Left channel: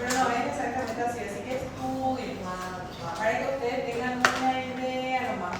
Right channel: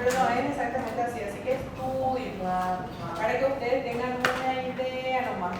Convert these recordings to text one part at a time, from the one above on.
pero no es exactamente así, así que estudien para que ustedes tengan una idea nomás.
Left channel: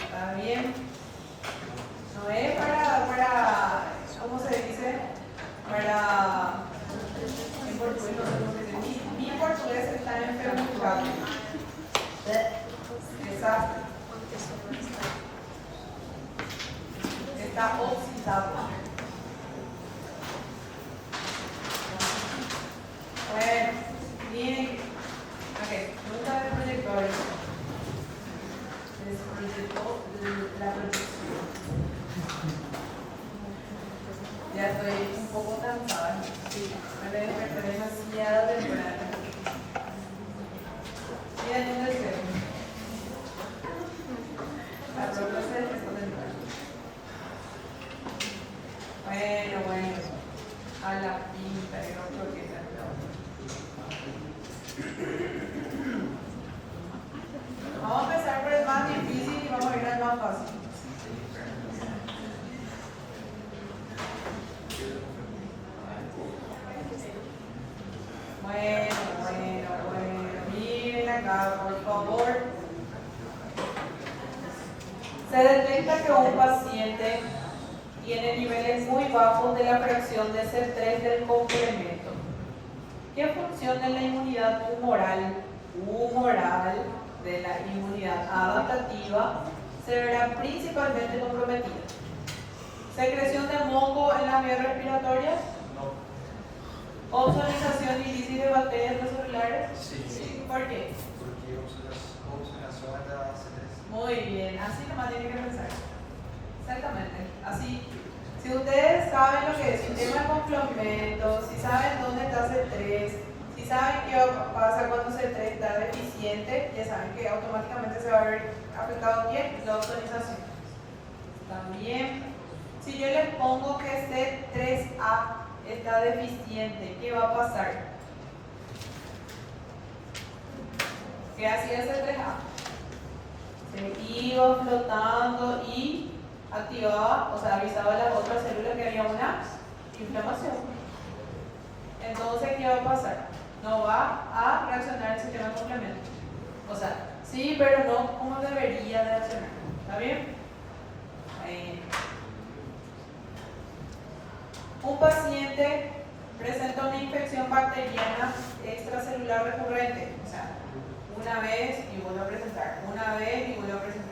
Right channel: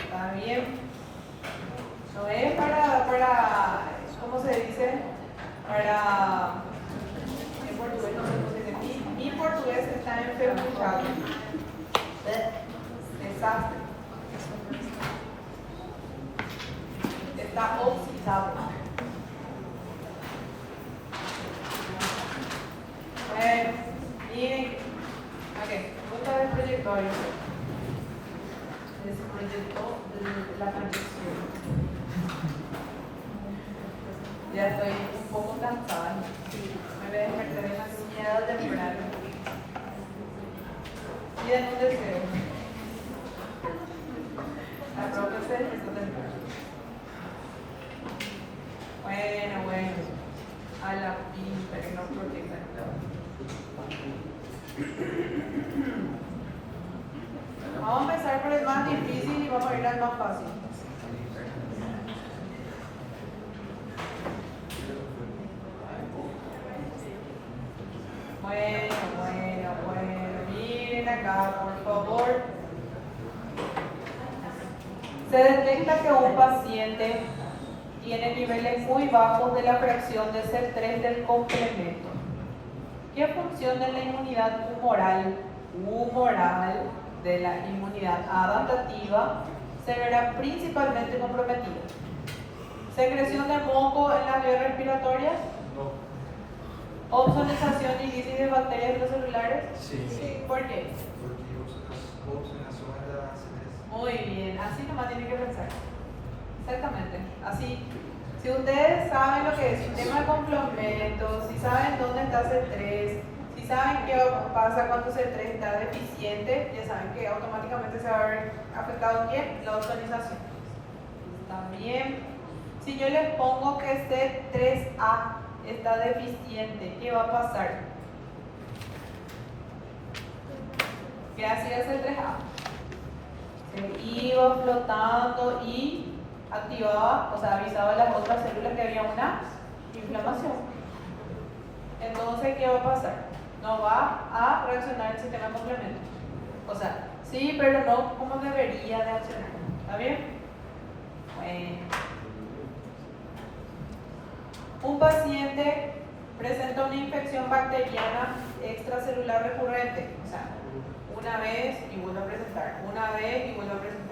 ¿Está bien? No es para, ¿cómo se dice? Para, en portugués no sé cómo se dice, mi portugués está enfermado. Desastre. Está oxidado. Bueno, miren, ok, otra vez proyectores. Les proyectó la proyección. Ya estoy un poco cansada. Me desperté demasiado temprano. Miren un deseo. La ropa se despertó temprano. Bueno, a la pinta que nos proyecta el Vamos a empezar por el más difícil y vamos a ir al más fácil. Bueno. Miren acá, por favor. Se detecta que un paciente tiene niveles muy bajos de la fracción de C3 del complemento. ¿Qué función de la inmunidad humoral de la inmunidad adaptativa se verá principalmente comprometida? ¿Secreción de moco en las vías respiratorias? No. ¿Obsonización y lisis de bacterias celulares? Sí. ¿Por qué? Porque oxidación es de la C3. Muy bien, así nomás tiene que pensar. Exactamente, así. Si ustedes saben lo que es sistema de complementos, si saben dónde está C3, si saben qué pasa cuando C3 está deficiente, ya saben que automáticamente se va a ver afectado ¿quién? La ozonización. También, si yo les pongo que C3A está deficiente, ¿qué va a pasar? ¿Qué hacía C3A? Se iba flotando y activaba, o sea, avisaba a las otras células que había una inflamación. Entonces, ¿qué va a pasar? No va a reaccionar el sistema de complemento. O sea, sí, pero no como debería de accionar. ¿Está bien? Bueno. Un paciente presenta una infección bacteriana extracelular recurrente. O sea, una vez y vuelve a presentar, una vez y vuelve a presentar.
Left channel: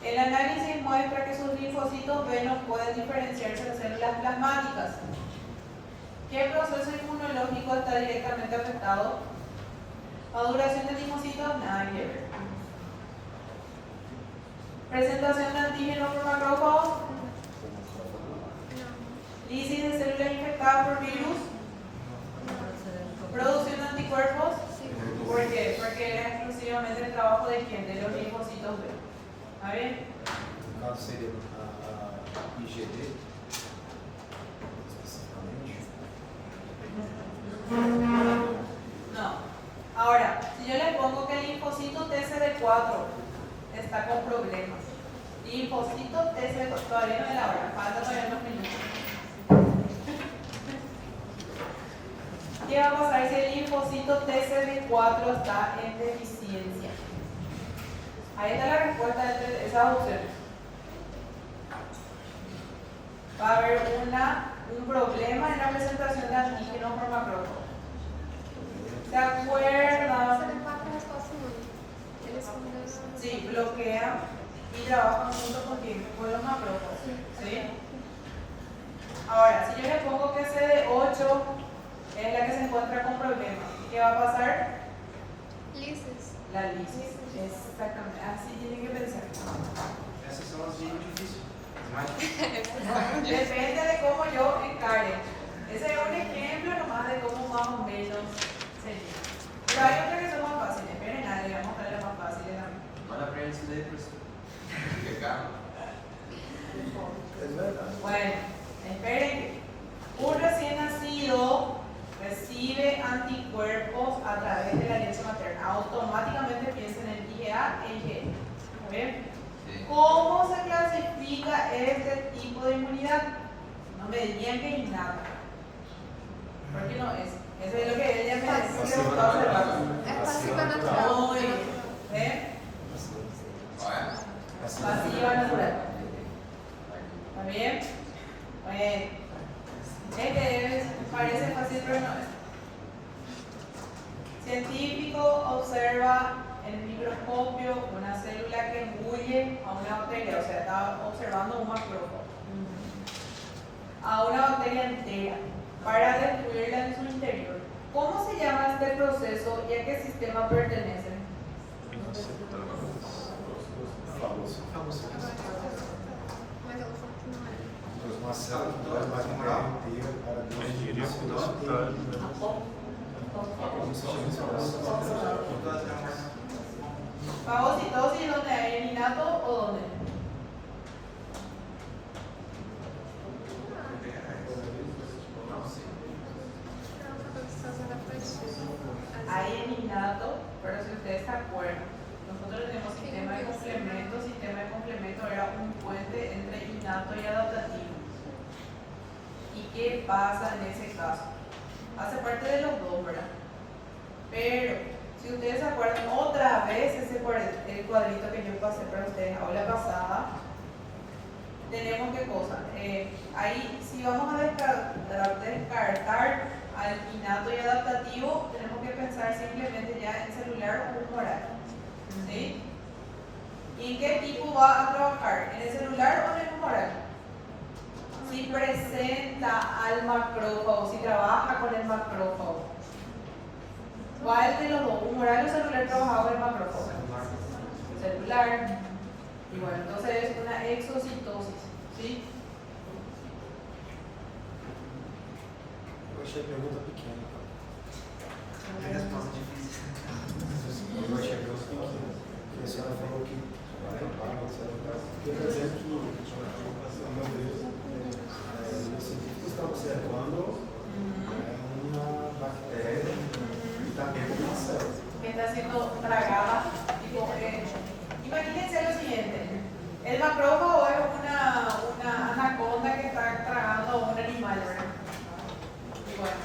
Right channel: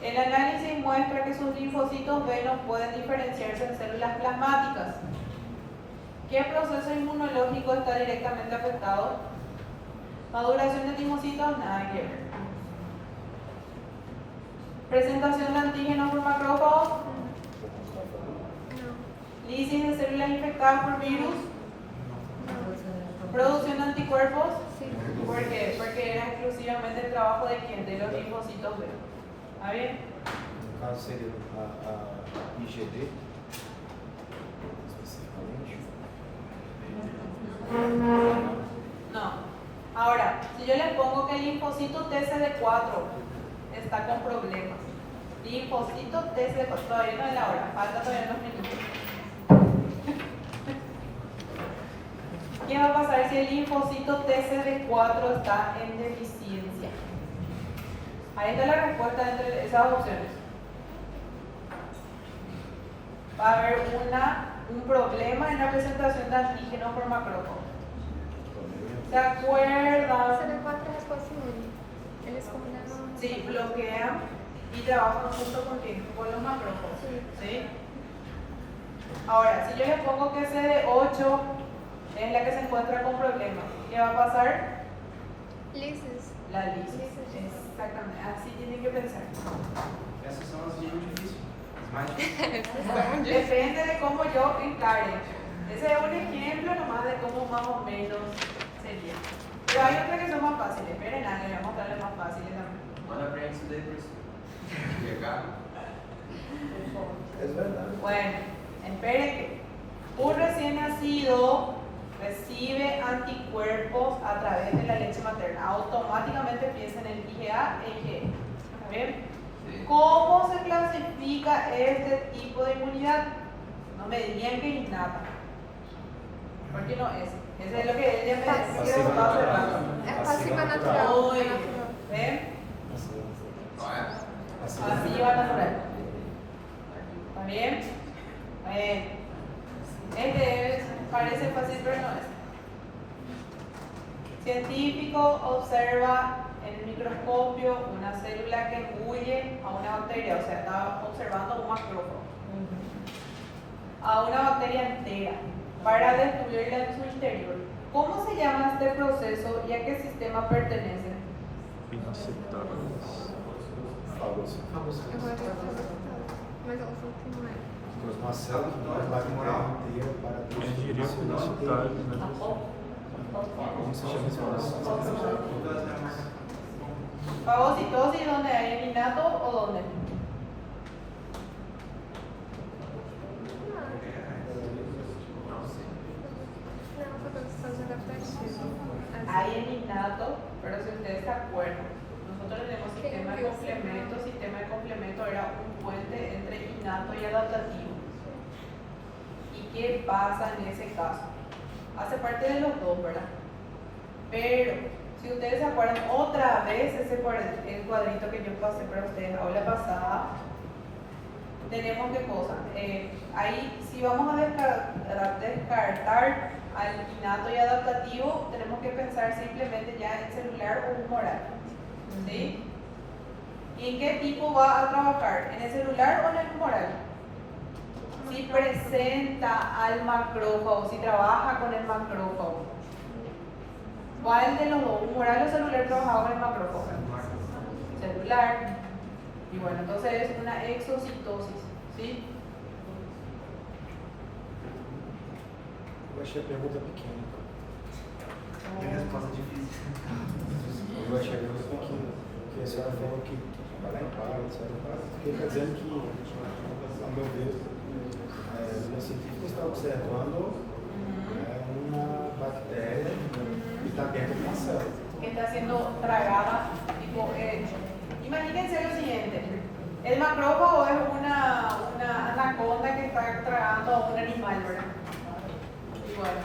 El análisis muestra que sus linfocitos B no pueden diferenciarse en células plasmáticas. ¿Qué proceso inmunológico está directamente afectado? Maduración de linfocitos, nada que ver. Presentación de antígenos por macrófagos. Lisis de células infectadas por virus. Producción de anticuerpos. ¿Por qué? Porque era exclusivamente el trabajo de quién, de los linfocitos B. ¿Está bien? No caso seria a IgD, especificamente. No. Ahora, si yo les pongo que el linfocito TCD4 está con problemas, linfocito TCD4, todavía no es la hora, falta todavía unos minutos. ¿Qué va a pasar si el linfocito TCD4 está en deficiencia? Ahí está la respuesta entre esas opciones. Va a haber un problema en la presentación de antígenos por macrófago. ¿Se acuerdan? Sí, bloquean y trabajan junto con tiempo con los macrófagos. ¿Sí? Ahora, si yo les pongo que CD8 es la que se encuentra con problemas, ¿qué va a pasar? Lisis. La lisis. Exactamente, así tienen que pensar. Essas são as dicas difíceis. Depende de cómo yo encare. Ese es un ejemplo nomás de cómo más o menos sería. Pero hay otras que son más fáciles. Esperen, le vamos a dar las más fáciles también. Ahora aprende letras. Es verdade. Bueno, esperen que un recién nacido recibe anticuerpos a través de la leche materna. Automáticamente piensa en el IgA e IgE. ¿Bien? Sí. ¿Cómo se clasifica este tipo de inmunidad? No me dirían que es innata. ¿Por qué no es? Eso es lo que ella me decía Pasiva hace rato. natural. É passiva natural. Muy bien. ¿Ven? Pasiva natural. ¿Está bien? Parece fácil, pero no es. Científico observa en el microscopio una célula que huye a una bacteria, o sea, está observando un macrófago, a una bacteria entera para destruirla en su interior. ¿Cómo se llama este proceso y a qué sistema pertenece? Mas ela falou que não é. Uma célula que vai bactéria inteira para Engenharia publicitária, né? como se chama esse processo? Fagocitosis, ¿dónde hay? ¿En innato o dónde? Hay en innato, pero si ustedes se acuerdan, nosotros tenemos sistema de complemento era un puente entre innato y adaptativo. ¿Y qué pasa en ese caso? Hace parte de los dos, ¿verdad? Pero, si ustedes se acuerdan otra vez ese el cuadrito que yo pasé para ustedes la aula pasada, tenemos qué cosa. Ahí, si vamos a descartar al innato y adaptativo, tenemos que pensar simplemente ya en celular o humoral. ¿Sí? ¿Y en qué tipo va a trabajar? ¿En el celular o en el humoral? Si presenta al macrófago, si trabaja con el macrófago. ¿Cuál de los dos? ¿Humoral o celular trabajaba con el macrófago? Celular. Y bueno, entonces es una exocitosis. ¿Sí? Eu achei a pergunta pequena, tá? Tem resposta difícil. Eu achei a pergunta pequena. Porque a senhora falou que para, etc. Porque quer dizer que, ao meu ver, o científico está observando uma bactéria que está dentro de uma célula. Que está siendo tragada. Tipo, imagínense lo siguiente. El macrófago es una anaconda que está tragando a un animal, ¿verdad? Y bueno,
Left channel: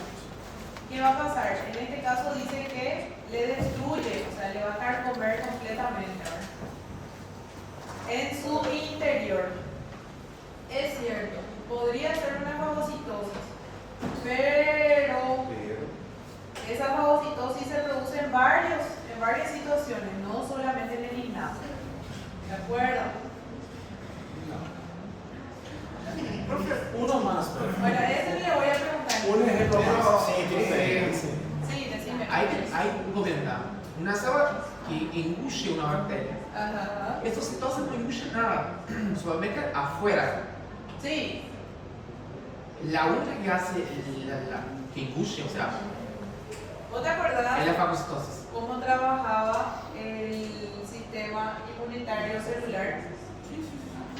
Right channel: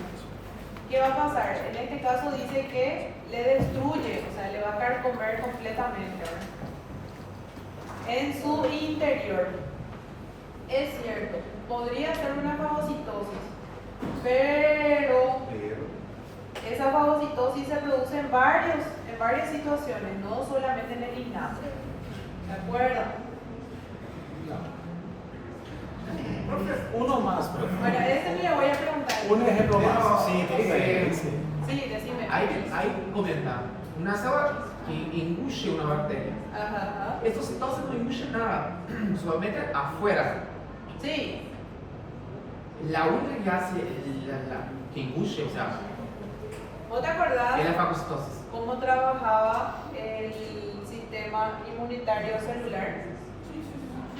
¿qué va a pasar? En este caso dice que le destruye, o sea, le va a carcomer completamente, ¿verdad? En su interior. Es cierto, podría ser una fagocitosis, pero esa fagocitosis se produce en varias situaciones, no solamente en el innato. ¿De acuerdo? Profe, uno más, profe. Bueno, ese me lo voy a preguntar. Un ejemplo más. Sí, tudo bem. Sí, decime. Hay comentar una célula que engulle una bacteria. Ajá. Esta citose no engulle nada, solamente afuera. Sí, La única que hace que engulle, o sea, ¿vos te acordás es la fagocitosis. cómo trabajaba el sistema inmunitario celular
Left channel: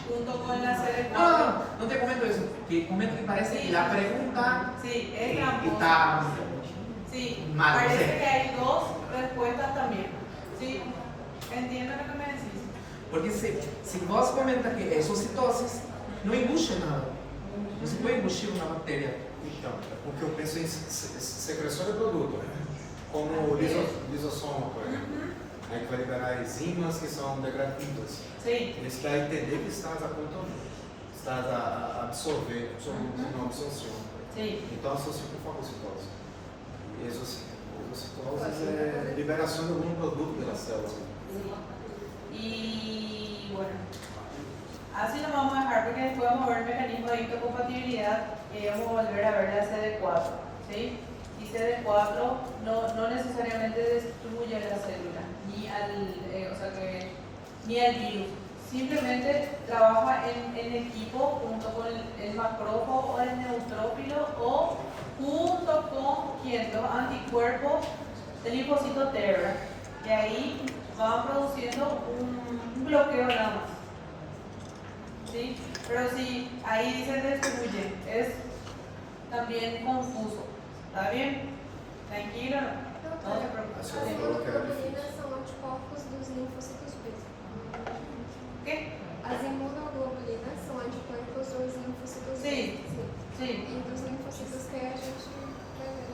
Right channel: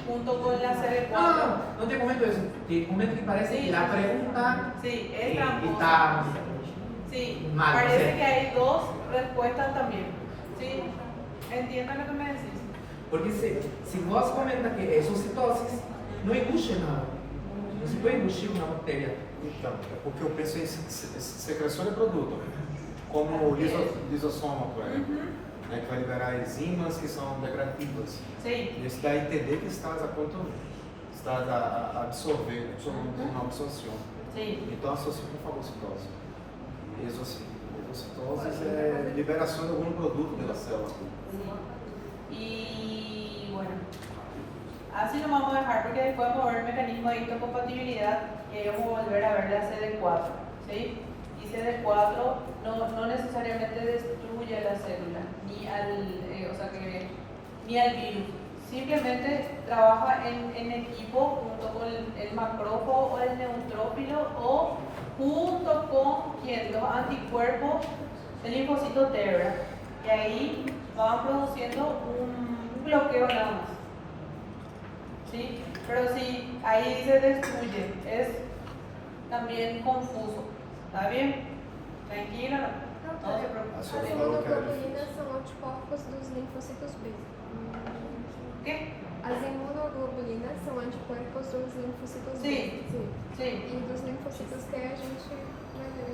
junto con la CD4? No te comento eso, te comento que parece Sí. la pregunta Sí, es que tramposa. está Sí, mal, parece sí. que hay dos respuestas también. Sí, entiendo lo que me decís. Porque si vos comentas que es citosis, no engulle nada. No se puede engullir una bacteria. Então, é porque eu penso em secreção de produto, como o lisosoma, por exemplo. Aí que vai liberar enzimas que são degradativas. Sí, Esse daí entender que estás a contornar, estás a absorver, uma absorção. sí. Então associa com fagocitose. Exocitose é liberação de algum produto pela célula. Y bueno, así lo vamos a dejar porque después vamos a ver el mecanismo de histocompatibilidad que vamos a volver a ver la CD4. ¿Sí? Y CD4 no necesariamente destruye la célula ni al virus. Simplemente trabaja en equipo junto con el macrófago o el neutrófilo o junto con los anticuerpos del linfocito T, ¿verdad? Y ahí van produciendo un bloqueo nada más. ¿Sí? Pero si ahí se destruye, es también confuso. ¿Está bien? Tranquila, no se preocupe. A As senhora falou que era imunoglobulinas difícil. são anticorpos dos linfócitos B. ¿Qué? As imunoglobulinas são anticorpos dos linfócitos B. Sim. Sim. Sí. E dos linfócitos T a gente quer ver.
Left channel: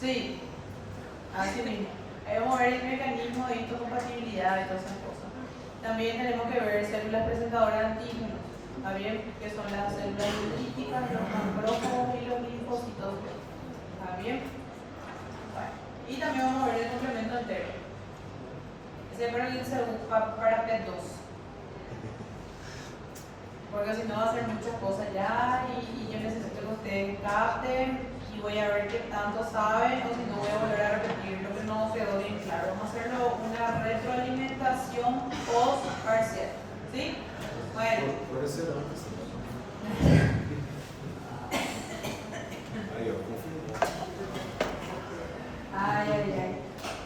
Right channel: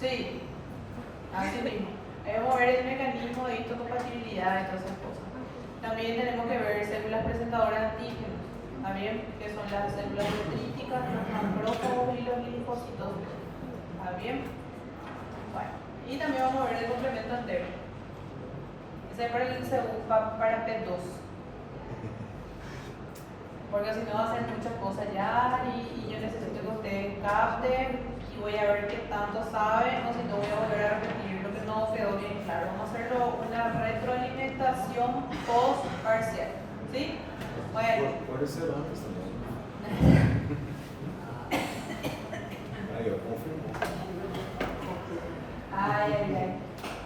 Sí, así mismo. Debemos ver el mecanismo de histocompatibilidad y todas esas cosas. También tenemos que ver células presentadoras de antígenos, ¿está bien? Que son las células dendríticas, los macrófagos y los linfocitos B. ¿Está bien? Bueno, y también vamos a ver el complemento entero. Siempre el segundo para P2. Porque si no va a hacer muchas cosas ya y yo necesito que ustedes capten y voy a ver qué tanto saben o si no voy a volver a repetir lo que no quedó bien claro. Vamos a hacerlo una retroalimentación post parcial. ¿Sí? Bueno. Pode ser antes também. Aí, ó, confirmou. Ay, ay, ay.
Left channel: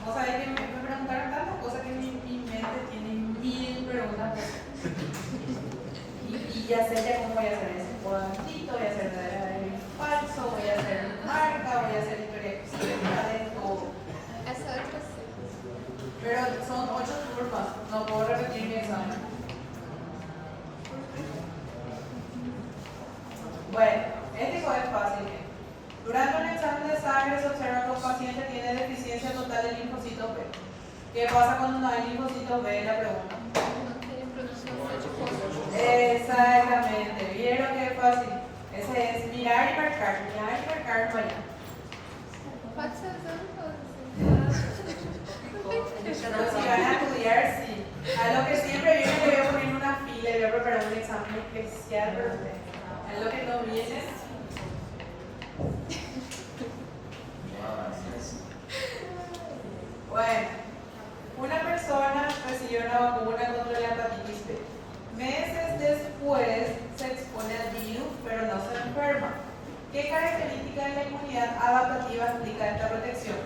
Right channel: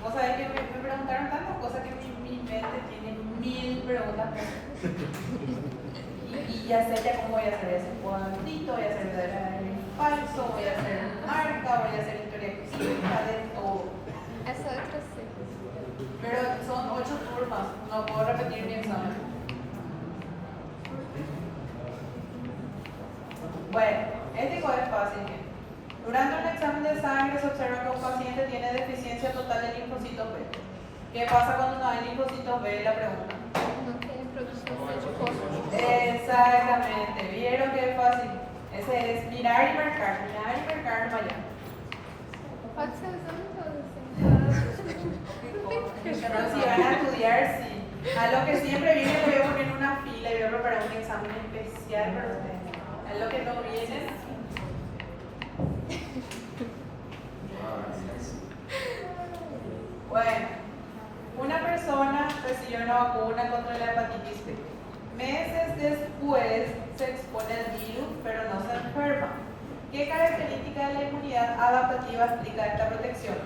Vos sabés que me preguntaron tantas cosas que mi mente tiene 1000 preguntas. Y ya sé ya cómo voy a hacer ese momentito, voy a hacer verdadero y falso, voy a hacer marca, voy a hacer historia clínica, de todo. Essa outra C. Pero son 8 turnos, no puedo repetir mi examen. Bueno, este es fácil. Durante un examen de sangre se observa que un paciente tiene deficiencia total de linfocitos B. ¿Qué pasa cuando no hay linfocitos B? La pregunta. Não tem produção de Exactamente, ¿vieron que es fácil? Ese es mirar y marcar para allá. Pode ser usando Pero si van a estudiar, sí. A lo que siempre viene, que veo en una fila y voy a preparar un examen especial para ustedes. A lo que no viene. Bueno, una persona recibió una vacuna contra la hepatitis B. Meses después se expone al virus, pero no se enferma. ¿Qué característica de la inmunidad adaptativa explica esta protección?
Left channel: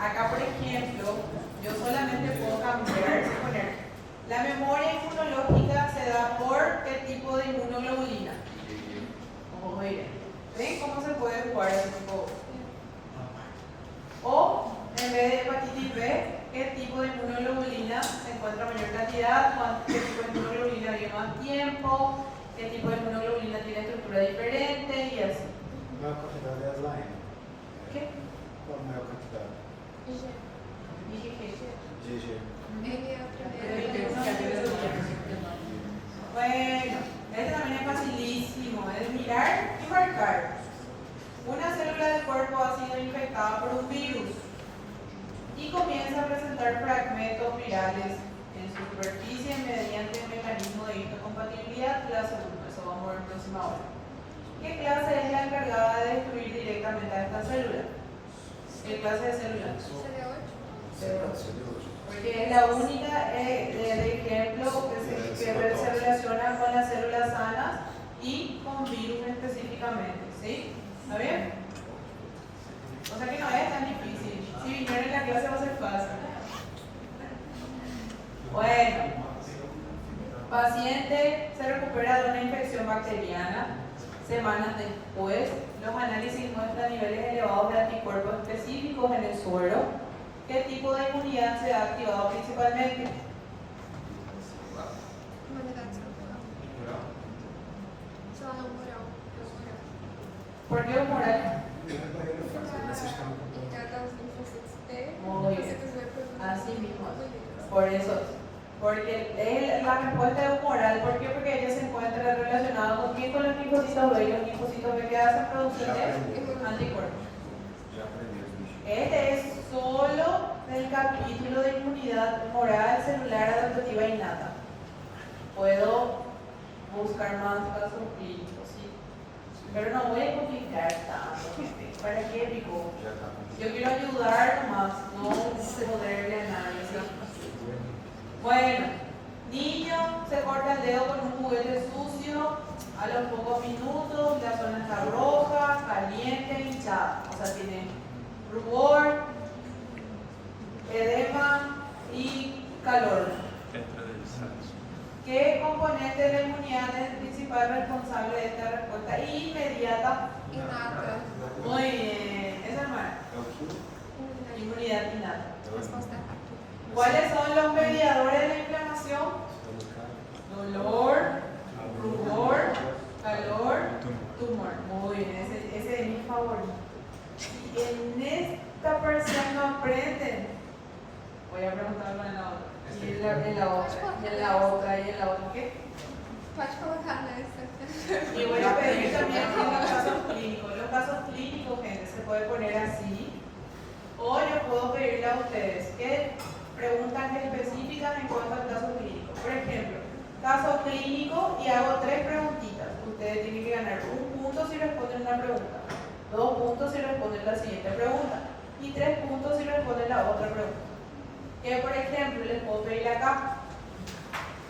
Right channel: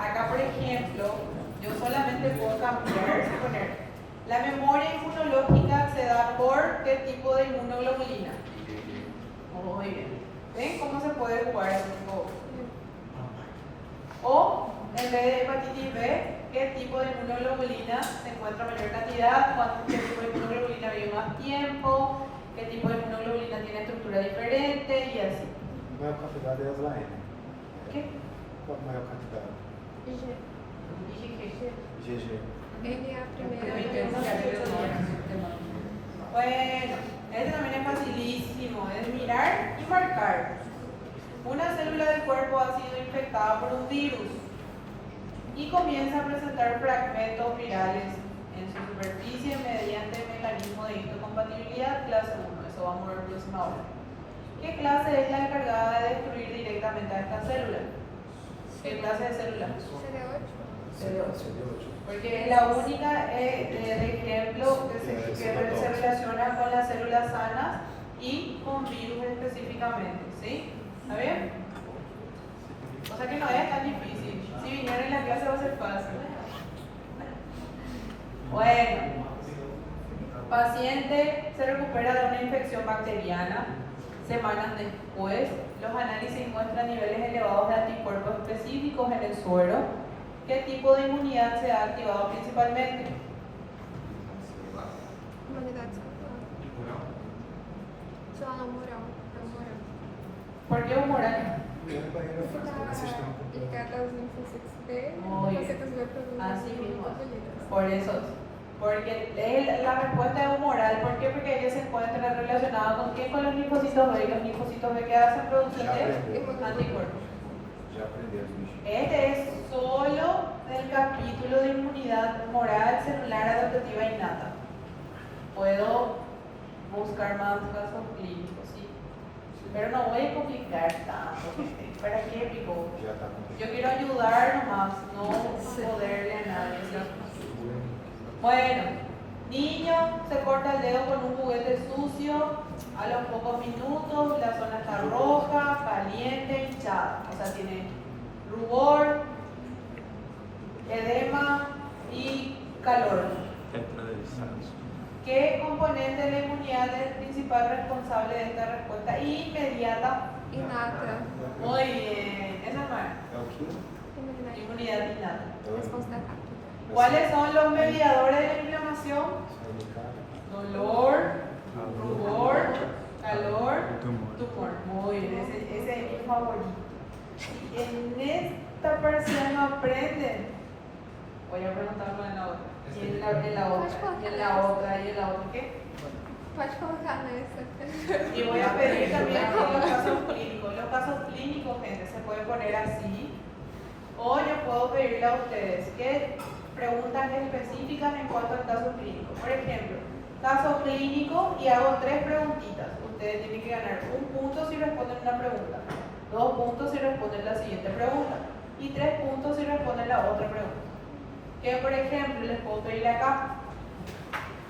Acá, por ejemplo, yo solamente puedo poner la memoria inmunológica se da por qué tipo de inmunoglobulina. Vamos a ir. ¿Ven cómo se puede jugar un poco? O en vez de hepatitis B, ¿qué tipo de inmunoglobulina se encuentra en mayor cantidad? ¿Qué tipo de inmunoglobulina vive más tiempo? ¿Qué tipo de inmunoglobulina tiene estructura diferente? Y así. Maior quantidade é a M. ¿Qué? Qual a maior quantidade? G. GG. Ele é a primeira. Bueno, este también es facilísimo, es mirar y marcar. Una célula del cuerpo ha sido infectada por un virus y comienza a presentar fragmentos virales en su superficie mediante el mecanismo de histocompatibilidad clase 1. Eso vamos a ver próxima hora. ¿Qué clase es la encargada de destruir directamente a esta célula? ¿Qué clase de célula? CD8. Porque es la única de ejemplo que se relaciona con las células sanas y con virus específicamente. ¿Sí? ¿Está bien? O sea que no es tan difícil. Si vinieron en la clase va a ser fácil. Bueno, paciente se recupera de una infección bacteriana. Semanas después, los análisis muestran niveles elevados de anticuerpos específicos en el suero. ¿Qué tipo de inmunidad se ha activado principalmente? Imunidade só humoral. ¿Por qué humoral? Ligada aos linfócitos B. Muy bien. Linfócitos B produzem Así mismo. globulina. Por eso. Porque es la respuesta es humoral. ¿Por qué? Porque ella se encuentra relacionada con quién, con los linfocitos B. Y los linfocitos B que hacen producción de anticuerpos. Já aprendemos, bicho. Este es solo el capítulo de inmunidad humoral celular adaptativa innata. Puedo buscar más casos clínicos, ¿sí? Pero no voy a complicar tanto. ¿Para qué, Rico? Já está Yo quiero ayudar nomás, no poderle a nadie. Bueno, niño se corta el dedo con un juguete sucio. A los pocos minutos la zona está roja, caliente, hinchada. O sea, tiene rubor, edema y calor. ¿Qué componente de la inmunidad es el principal responsable de esta respuesta inmediata? Inata. Muy bien, esa es buena. É o que? Inmunidad innata. Resposta A. ¿Cuáles son los mediadores de la inflamación? Dolor, rubor, calor, tumor. Muy bien, ese es mi favorito. en esta parcial no aprenden. Voy a preguntarlo en la otra. Y en la otra, y en la otra, y en la otra, ¿qué? Pode colocar nessa. Y voy a pedir también aquí los casos clínicos. Los casos clínicos, gente, se puede poner así. O yo puedo pedirle a ustedes que preguntas específicas en cuanto al caso clínico. Por ejemplo, caso clínico y hago 3 preguntitas. Ustedes tienen que ganar 1 punto si responden una pregunta, 2 puntos si responden la siguiente pregunta y 3 puntos si responden la otra pregunta. Que por ejemplo les puedo pedir acá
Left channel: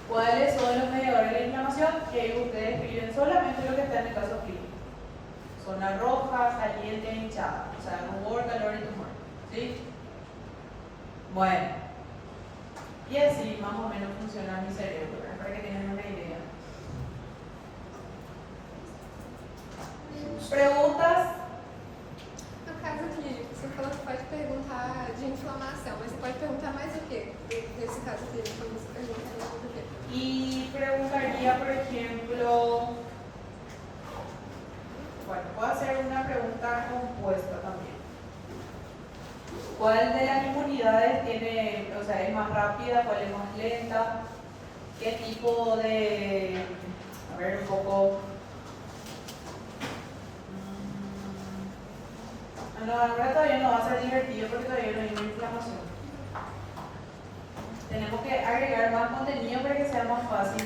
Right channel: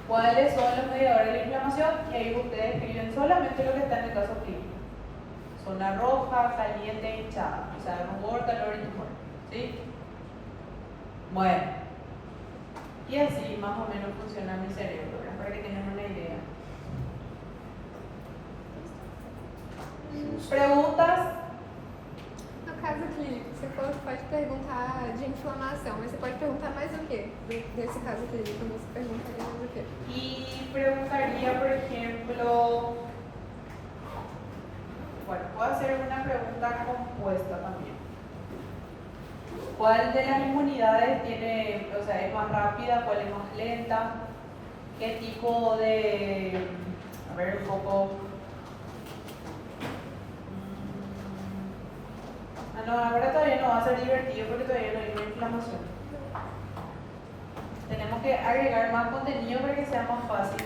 cuáles son los mediadores de la inflamación, y ahí ustedes escriben solamente lo que está en el caso clínico. Zona roja, caliente, hinchada, o sea, rumor, calor y tumor. ¿Sí? Bueno, y así más o menos funciona mi cerebro, ¿verdad? Para que tengan una idea. Preguntas. No caso clínico, você pode perguntar de inflamação, mas você pode perguntar mais o quê? Nesse caso clínico, você pergunta mais o quê? Y preguntaría, por ejemplo, bueno, puedo hacer una pregunta compuesta también. ¿Cuál de las inmunidades tiene, o sea, es más rápida, cuál es más lenta? ¿Qué tipo de, a ver, un poco, no, ahora todavía no va a ser divertido porque todavía no hay una inflamación. Tenemos que agregar más contenido para que sea más fácil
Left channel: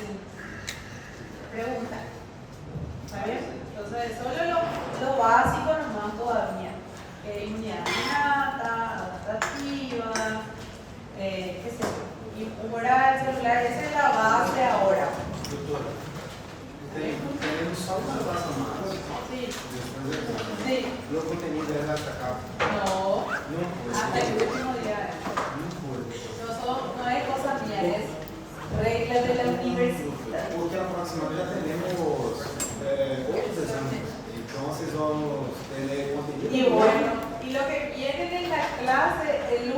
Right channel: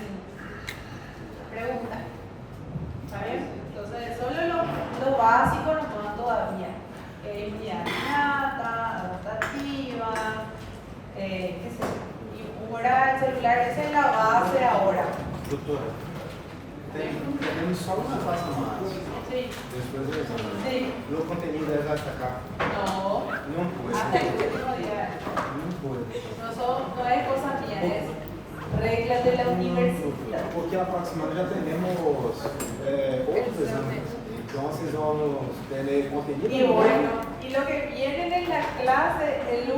preguntar. ¿Está bien? Entonces, solo lo básico nomás todavía. Inmunidad innata, adaptativa, qué sé yo, inmunidad celular, esa es la base ahora. Doutora, tenemos só uma classe mais. Sí, Depois eu vou. sí. E o conteúdo é destacar No, uma coisa. hasta el último día. Uma coisa. No es cosa mía, es reglas de la universidad. Porque a próxima semana já teremos outros exames. Então vocês vão ter conteúdo. Y bueno, y lo que viene en la clase, el